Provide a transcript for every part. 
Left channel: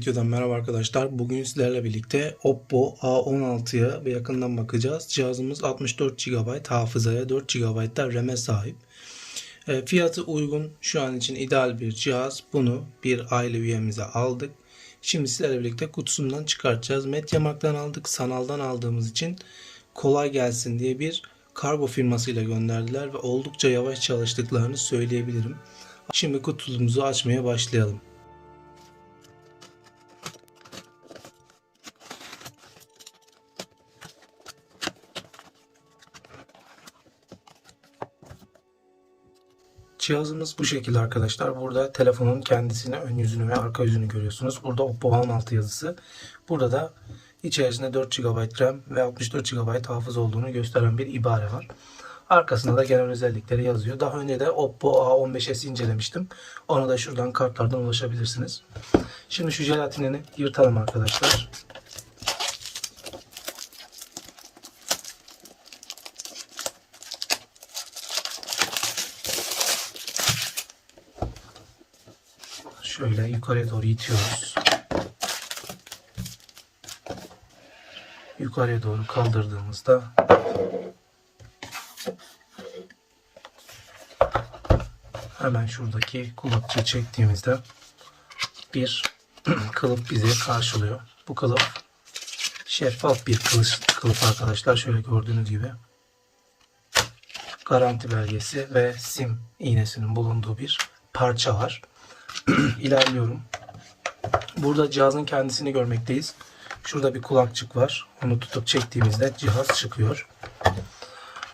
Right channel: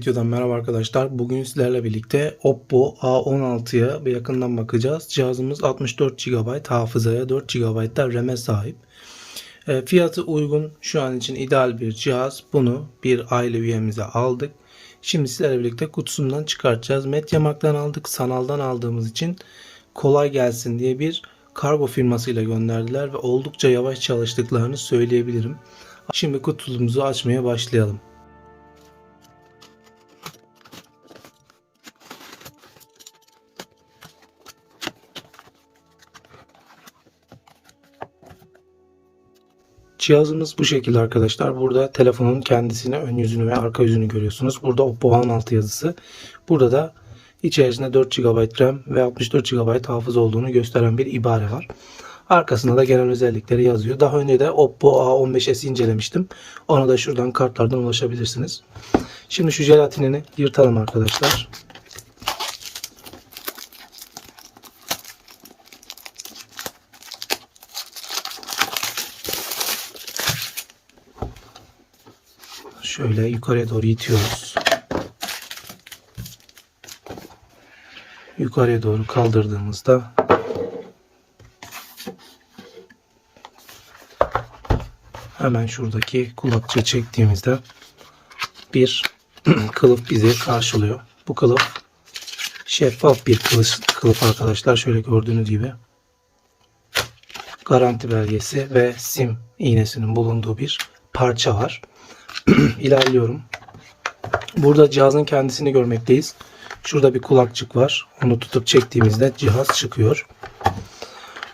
Videodan merhaba arkadaşlar. Bugün sizlerle birlikte Oppo A16'ya bir yakından bakacağız. Cihazımız 64 GB hafızaya 4 GB da RAM'e sahip. E, fiyatı uygun. Şu an için ideal bir cihaz. Bunu bir aile üyemize aldık. Şimdi sizlerle birlikte kutusundan çıkartacağız. Mediamarkt'tan aldık. Sanaldan aldığımız için kolay gelsin diye bir kargo firmasıyla gönderdiler ve oldukça yavaş çalıştıklarını söyleyebilirim. Şimdi kutumuzu açmaya başlayalım. Cihazımız bu şekilde arkadaşlar. Burada telefonun kendisini, ön yüzünü ve arka yüzünü görüyorsunuz. Burada Oppo A16 yazısı. Burada da içerisinde 4 GB RAM ve 64 GB hafıza olduğunu gösteren bir ibare var. Arkasında da genel özellikleri yazıyor. Daha önce de Oppo A15s incelemiştim. Ona da şuradan kartlardan ulaşabilirsiniz. Şimdi şu jelatinini yırtalım arkadaşlar. Şöyle yukarıya doğru itiyoruz. Yukarıya doğru kaldırdığımızda hemen şuradaki kulakçığı çektiğimizde bir kılıf bizi karşılıyor. Bu kılıf şeffaf bir kılıf, kılıf arkadaşlar. Şöyle gördüğünüz gibi garanti belgesi ve sim iğnesinin bulunduğu bir parça var. İlerliyorum. Burada cihazın kendisini görmekteyiz. Şurada bir kulakçık var. Onu tutup çektiğimizde cihaz çıkıyor.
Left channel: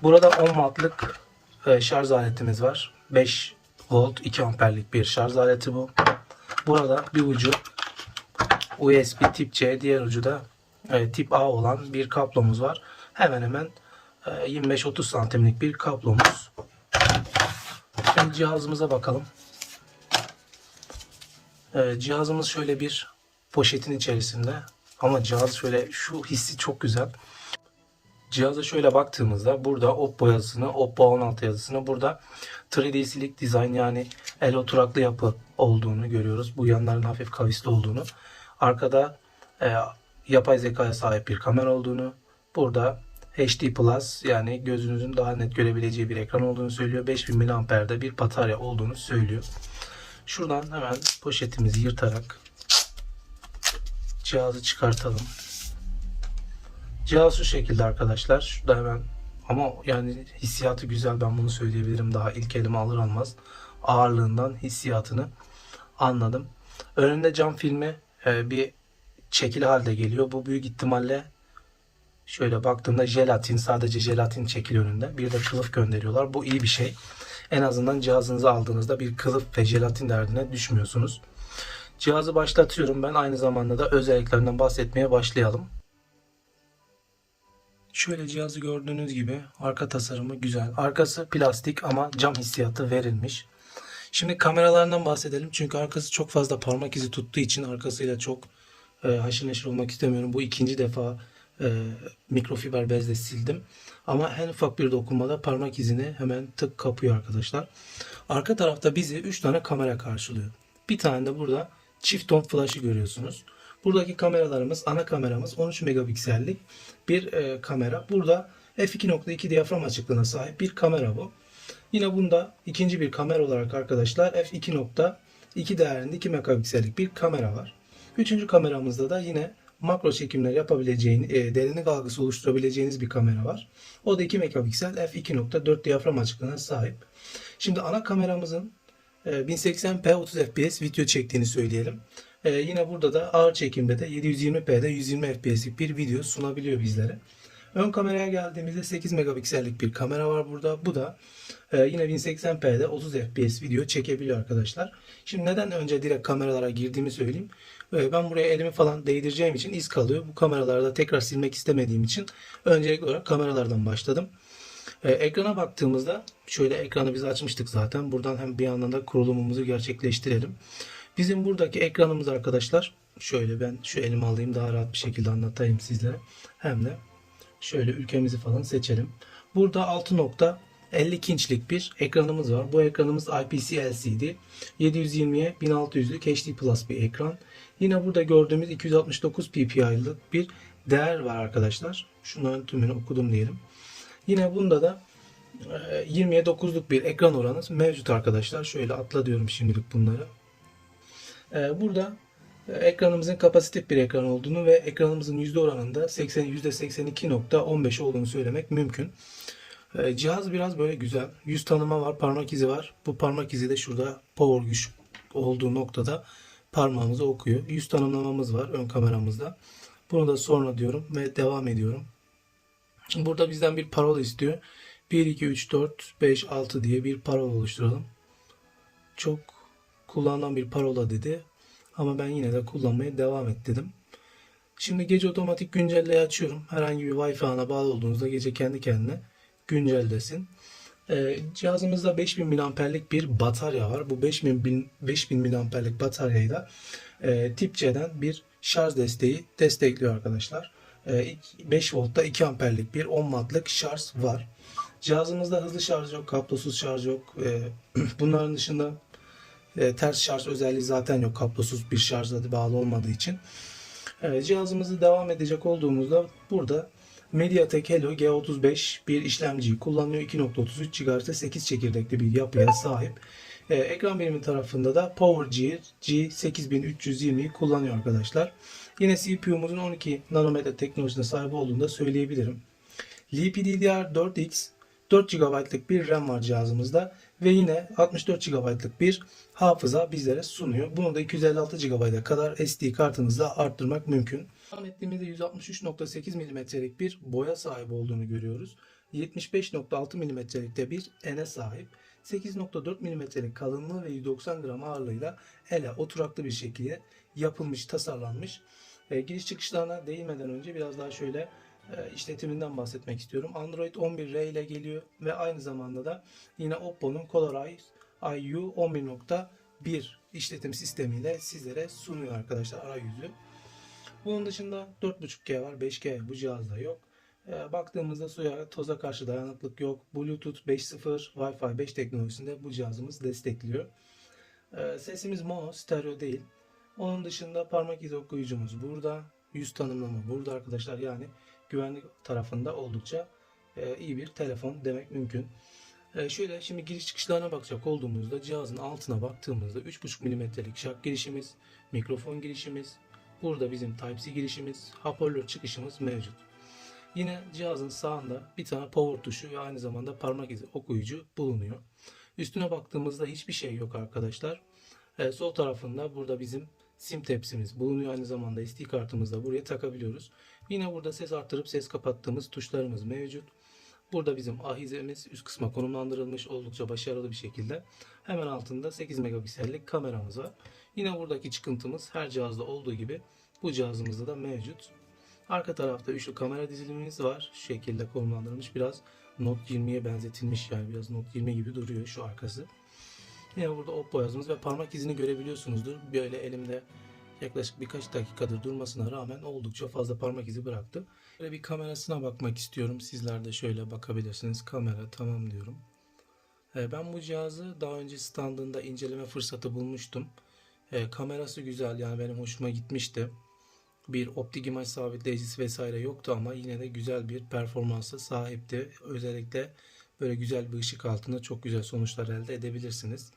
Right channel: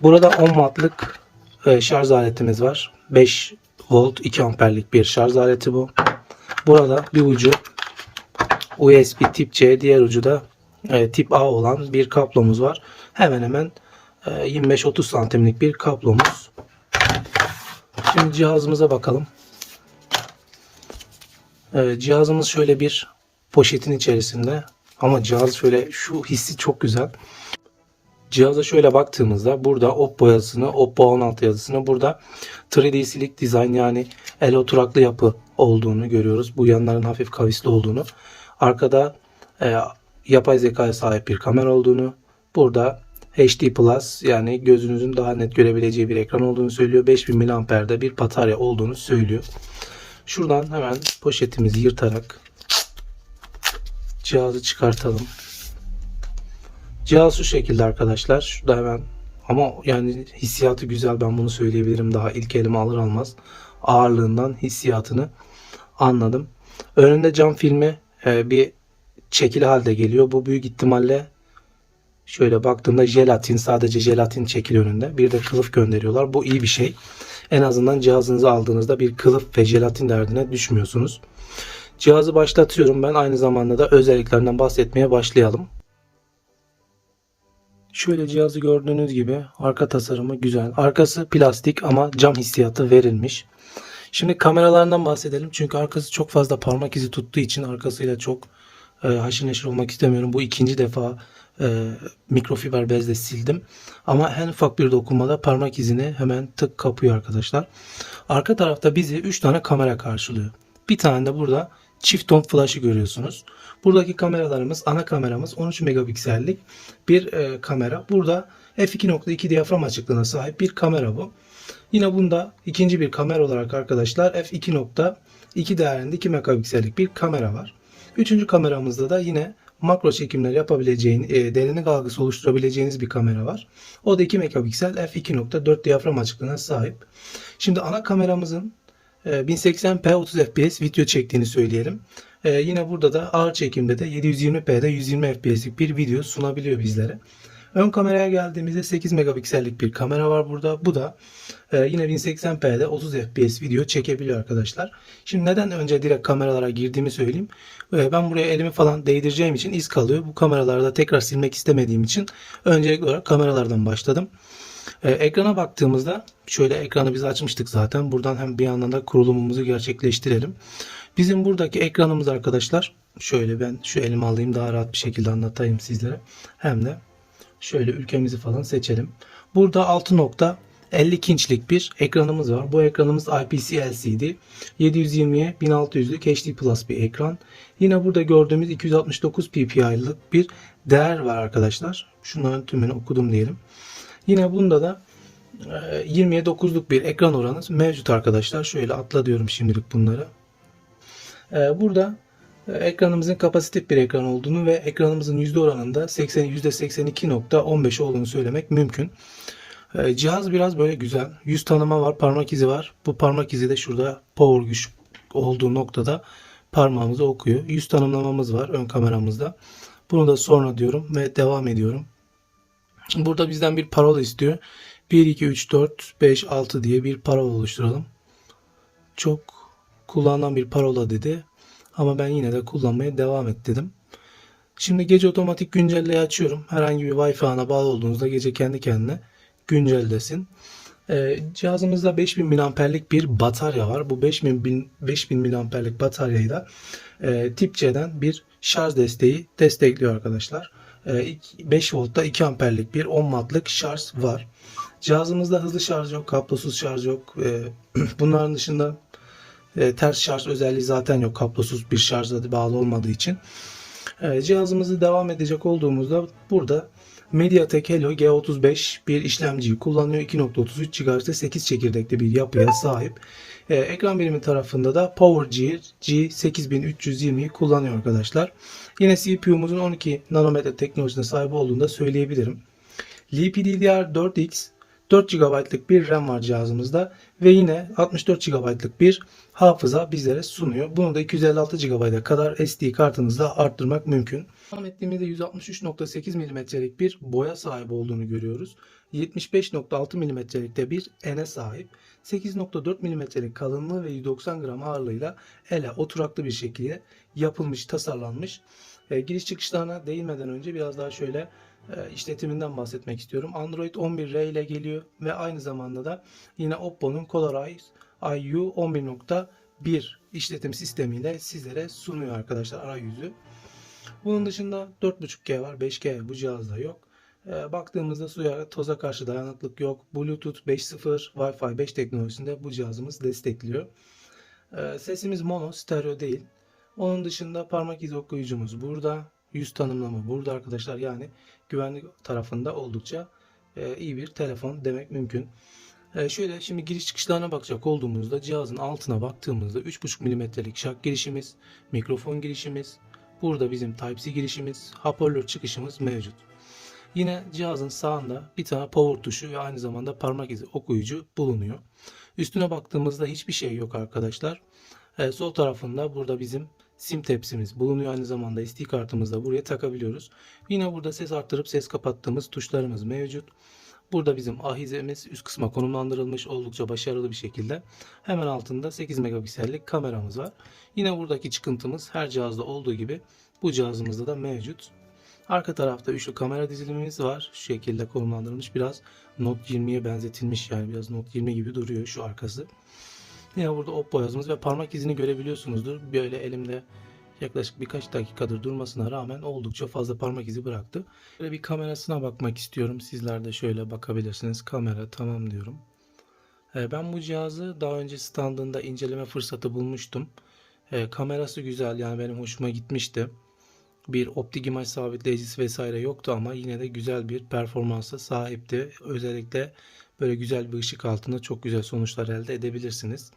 Burada 10 wattlık e, şarj aletimiz var. 5 volt 2 amperlik bir şarj aleti bu. Burada bir ucu USB tip C, diğer ucu da e, tip A olan bir kablomuz var. Hemen hemen e, 25-30 santimlik bir kablomuz. Şimdi cihazımıza bakalım. Ee, cihazımız şöyle bir poşetin içerisinde ama cihaz şöyle şu hissi çok güzel. Cihaza şöyle baktığımızda burada Oppo yazısını, Oppo 16 yazısını burada 3D Slick Design yani el oturaklı yapı olduğunu görüyoruz. Bu yanların hafif kavisli olduğunu. Arkada e, yapay zekaya sahip bir kamera olduğunu. Burada HD Plus yani gözünüzün daha net görebileceği bir ekran olduğunu söylüyor. 5000 mAh'de bir batarya olduğunu söylüyor. Şuradan hemen poşetimizi yırtarak cihazı çıkartalım. Cihaz şu şekilde arkadaşlar. Şurada hemen ama yani hissiyatı güzel ben bunu söyleyebilirim. Daha ilk elime alır almaz ağırlığından hissiyatını anladım. Önünde cam filmi e, bir çekili halde geliyor. Bu büyük ihtimalle şöyle baktığımda jelatin sadece jelatin çekili önünde. Bir de kılıf gönderiyorlar. Bu iyi bir şey. En azından cihazınızı aldığınızda bir kılıf ve jelatin derdine düşmüyorsunuz. Cihazı başlatıyorum ben aynı zamanda da özelliklerinden bahsetmeye başlayalım. Şöyle cihazı gördüğünüz gibi arka tasarımı güzel. Arkası plastik ama cam hissiyatı verilmiş. Şimdi kameralarından bahsedelim. Çünkü arkası çok fazla parmak izi tuttuğu için arkasıyla çok e, haşır neşir olmak istemiyorum. Bu ikinci defa e, mikrofiber bezle sildim. Ama en ufak bir dokunmada parmak izini hemen tık kapıyor arkadaşlar. Arka tarafta bizi 3 tane kamera karşılıyor. Bir tane de burada çift ton flash'ı görüyorsunuz. Buradaki kameralarımız ana kameramız 13 megapiksellik bir e, kamera. Burada f2.2 diyafram açıklığına sahip bir kamera bu. Yine bunda ikinci bir kamera olarak arkadaşlar f2.2 değerinde 2 megapiksellik bir kamera var. Üçüncü kameramızda da yine makro çekimler yapabileceğiniz, e, derinlik algısı oluşturabileceğiniz bir kamera var. O da 2 megapiksel f2.4 diyafram açıklığına sahip. Şimdi ana kameramızın e, 1080p 30 fps video çektiğini söyleyelim. E, yine burada da ağır çekimde de 720p'de 120 fps'lik bir video sunabiliyor bizlere. Ön kameraya geldiğimizde 8 megapiksellik bir kamera var burada. Bu da e, yine 1080p'de 30 fps video çekebiliyor arkadaşlar. Şimdi neden önce direkt kameralara girdiğimi söyleyeyim. E, ben buraya elimi falan değdireceğim için iz kalıyor. Bu kameralarda tekrar silmek istemediğim için öncelikli olarak kameralardan başladım. E, ekrana baktığımızda şöyle ekranı biz açmıştık zaten. Buradan hem bir yandan da kurulumumuzu gerçekleştirelim. Bizim buradaki ekranımız arkadaşlar şöyle ben şu elimi alayım daha rahat bir şekilde anlatayım sizlere. Hem de Şöyle ülkemizi falan seçelim. Burada 6 nokta 52 inçlik bir ekranımız var. Bu ekranımız IPS LCD. 720'ye 1600'lük HD Plus bir ekran. Yine burada gördüğümüz 269 ppi'lık bir değer var arkadaşlar. Şunların tümünü okudum diyelim. Yine bunda da e, 20'ye 9'luk bir ekran oranı mevcut arkadaşlar. Şöyle atla diyorum şimdilik bunları. E, Burada e, ekranımızın kapasitif bir ekran olduğunu ve ekranımızın yüzde oranında 80 %82.15 olduğunu söylemek mümkün. E, Cihaz biraz böyle güzel. Yüz tanıma var, parmak izi var. Bu parmak izi de şurada power güç olduğu noktada parmağımızı okuyor. Yüz tanımlamamız var ön kameramızda. Bunu da sonra diyorum ve devam ediyorum. Burada bizden bir parola istiyor. 1, 2, 3, 4, 5, 6 diye bir parola oluşturalım. Çok kullanılan bir parola dedi. Ama ben yine de kullanmaya devam et dedim. Şimdi gece otomatik güncelleyi açıyorum. Herhangi bir Wi-Fi ağına bağlı olduğunuzda gece kendi kendine güncellesin. Ee, cihazımızda 5000 mAh'lik bir batarya var. Bu 5000 bin- 5000 mAh'lik bataryayı da e, tip C'den bir şarj desteği destekliyor arkadaşlar. E, ilk 5 voltta 2 amperlik bir 10 wattlık şarj var. Cihazımızda hızlı şarj yok, kablosuz şarj yok. E, bunların dışında e, ters şarj özelliği zaten yok. Kablosuz bir şarjla bağlı olmadığı için. E, cihazımızı devam edecek olduğumuzda burada MediaTek Helio G35 bir işlemciyi kullanıyor. 2.33 GHz'de 8 çekirdekli bir yapıya sahip. E, ekran birimi tarafında da PowerGear G8320'yi kullanıyor arkadaşlar. Yine CPU'muzun 12 nanometre teknolojisine sahip olduğunu da söyleyebilirim. LPDDR4X 4 GB'lık bir RAM var cihazımızda ve yine 64 GB'lık bir hafıza bizlere sunuyor. Bunu da 256 GB'a kadar SD kartınızda arttırmak mümkün. Devam ettiğimizde 163.8 mm'lik bir boya sahibi olduğunu görüyoruz. 75.6 mm'lik de bir ene sahip. 8.4 mm'lik kalınlığı ve 190 gram ağırlığıyla ele oturaklı bir şekilde yapılmış, tasarlanmış. E, giriş çıkışlarına değinmeden önce biraz daha şöyle işletiminden bahsetmek istiyorum. Android 11R ile geliyor ve aynı zamanda da yine Oppo'nun Colorize IU 11.1 işletim sistemiyle sizlere sunuyor arkadaşlar arayüzü. Bunun dışında 4.5G var, 5G bu cihazda yok. E, baktığımızda suya, toza karşı dayanıklık yok. Bluetooth 5.0, Wi-Fi 5 teknolojisinde bu cihazımız destekliyor. E, sesimiz mono, stereo değil. Onun dışında parmak izi okuyucumuz burada. Yüz tanımlama burada arkadaşlar. Yani güvenlik tarafında oldukça e, iyi bir telefon demek mümkün. E, şöyle şimdi giriş çıkışlarına bakacak olduğumuzda cihazın altına baktığımızda 3.5 mm'lik şark girişimiz, mikrofon girişimiz, burada bizim Type-C girişimiz, hoparlör çıkışımız mevcut. Yine cihazın sağında bir tane power tuşu ve aynı zamanda parmak izi okuyucu bulunuyor. Üstüne baktığımızda hiçbir şey yok arkadaşlar. E, sol tarafında burada bizim sim tepsimiz bulunuyor. Aynı zamanda SD kartımızı da buraya takabiliyoruz. Yine burada ses arttırıp ses kapattığımız tuşlarımız mevcut. Burada bizim ahizemiz üst kısma konumlandırılmış oldukça başarılı bir şekilde. Hemen altında 8 megapiksellik kameramız var. Yine buradaki çıkıntımız her cihazda olduğu gibi bu cihazımızda da mevcut. Arka tarafta üçlü kamera dizilimimiz var. Şu şekilde konumlandırılmış. Biraz Note 20'ye benzetilmiş yani biraz Note 20 gibi duruyor şu arkası. Yine burada Oppo yazımız ve parmak izini görebiliyorsunuzdur. Böyle elimde yaklaşık birkaç dakikadır durmasına rağmen oldukça fazla parmak izi bıraktı. Böyle bir kamerasına bakmak istiyorum. Sizler de şöyle bakabilirsiniz. Kamera tamam diyorum. Ee, Ben bu cihazı daha önce standında inceleme fırsatı bulmuştum. Ee, Kamerası güzel yani benim hoşuma gitmişti. Bir optik imaj sabitleyicisi vesaire yoktu ama yine de güzel bir performansa sahipti. Özellikle böyle güzel bir ışık altında çok güzel sonuçlar elde edebilirsiniz.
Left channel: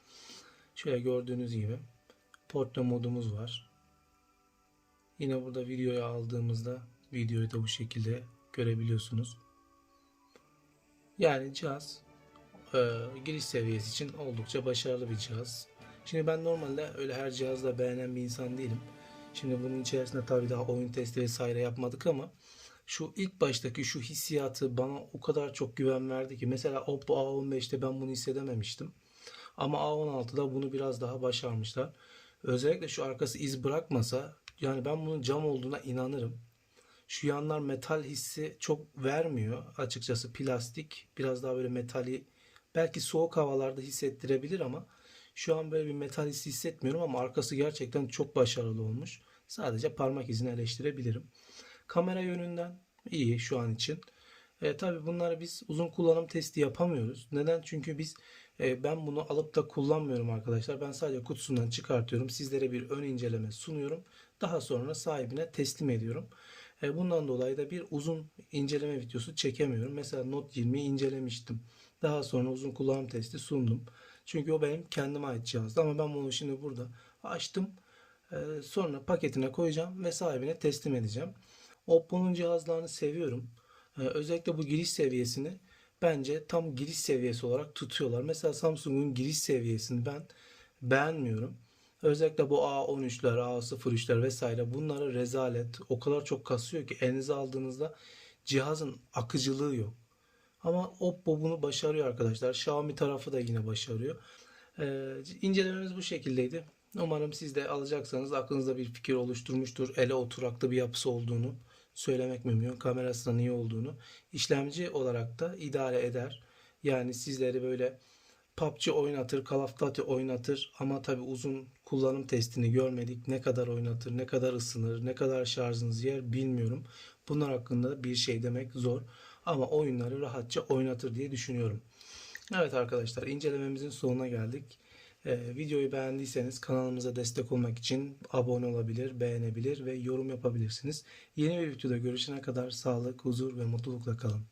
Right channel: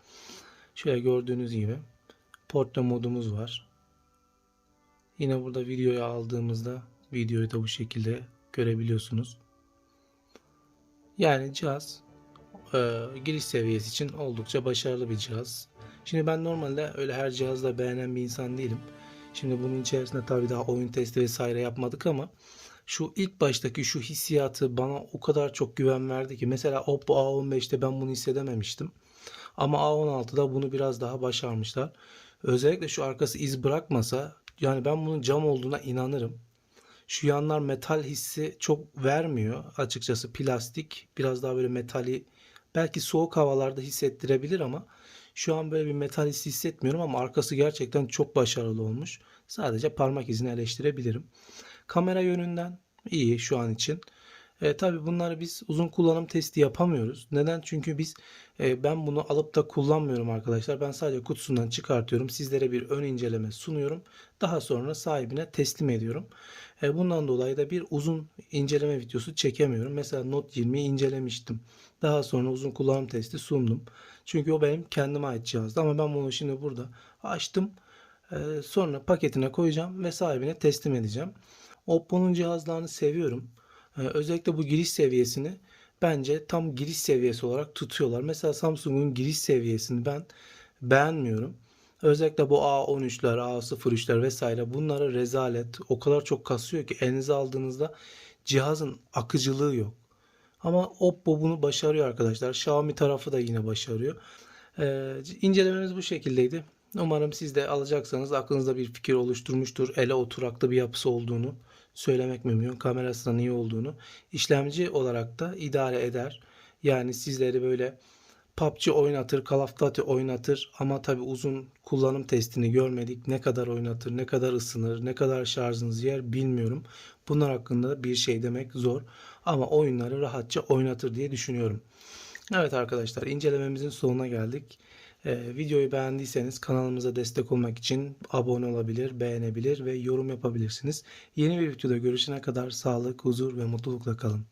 Şöyle gördüğünüz gibi portre modumuz var. Yine burada videoyu aldığımızda videoyu da bu şekilde görebiliyorsunuz. Yani cihaz e, giriş seviyesi için oldukça başarılı bir cihaz. Şimdi ben normalde öyle her cihazda beğenen bir insan değilim. Şimdi bunun içerisinde tabii daha oyun testi vesaire yapmadık ama şu ilk baştaki şu hissiyatı bana o kadar çok güven verdi ki mesela Oppo A15'te ben bunu hissedememiştim. Ama A16'da bunu biraz daha başarmışlar. Özellikle şu arkası iz bırakmasa yani ben bunun cam olduğuna inanırım. Şu yanlar metal hissi çok vermiyor. Açıkçası plastik biraz daha böyle metali belki soğuk havalarda hissettirebilir ama şu an böyle bir metal hissi hissetmiyorum ama arkası gerçekten çok başarılı olmuş. Sadece parmak izini eleştirebilirim. Kamera yönünden iyi şu an için. E, tabii bunları biz uzun kullanım testi yapamıyoruz. Neden? Çünkü biz e, ben bunu alıp da kullanmıyorum arkadaşlar. Ben sadece kutusundan çıkartıyorum. Sizlere bir ön inceleme sunuyorum. Daha sonra sahibine teslim ediyorum. E, bundan dolayı da bir uzun inceleme videosu çekemiyorum. Mesela Note 20'yi incelemiştim. Daha sonra uzun kullanım testi sundum. Çünkü o benim kendime ait cihazdı. Ama ben bunu şimdi burada açtım. E, sonra paketine koyacağım ve sahibine teslim edeceğim. Oppo'nun cihazlarını seviyorum. Ee, Özellikle bu giriş seviyesini bence tam giriş seviyesi olarak tutuyorlar. Mesela Samsung'un giriş seviyesini ben beğenmiyorum. Özellikle bu A13'ler, A03'ler vesaire bunları rezalet. O kadar çok kasıyor ki elinize aldığınızda cihazın akıcılığı yok. Ama Oppo bunu başarıyor arkadaşlar. Xiaomi tarafı da yine başarıyor. Ee, incelememiz bu şekildeydi. Umarım siz de alacaksanız aklınızda bir fikir oluşturmuştur. Ele oturaklı bir yapısı olduğunu söylemek mümkün. Kamerasının iyi olduğunu. İşlemci olarak da idare eder. Yani sizleri böyle PUBG oynatır, Call of Duty oynatır ama tabi uzun kullanım testini görmedik. Ne kadar oynatır, ne kadar ısınır, ne kadar şarjınız yer bilmiyorum. Bunlar hakkında da bir şey demek zor. Ama oyunları rahatça oynatır diye düşünüyorum. Evet arkadaşlar incelememizin sonuna geldik. Ee, videoyu beğendiyseniz kanalımıza destek olmak için abone olabilir, beğenebilir ve yorum yapabilirsiniz. Yeni bir videoda görüşene kadar sağlık, huzur ve mutlulukla kalın.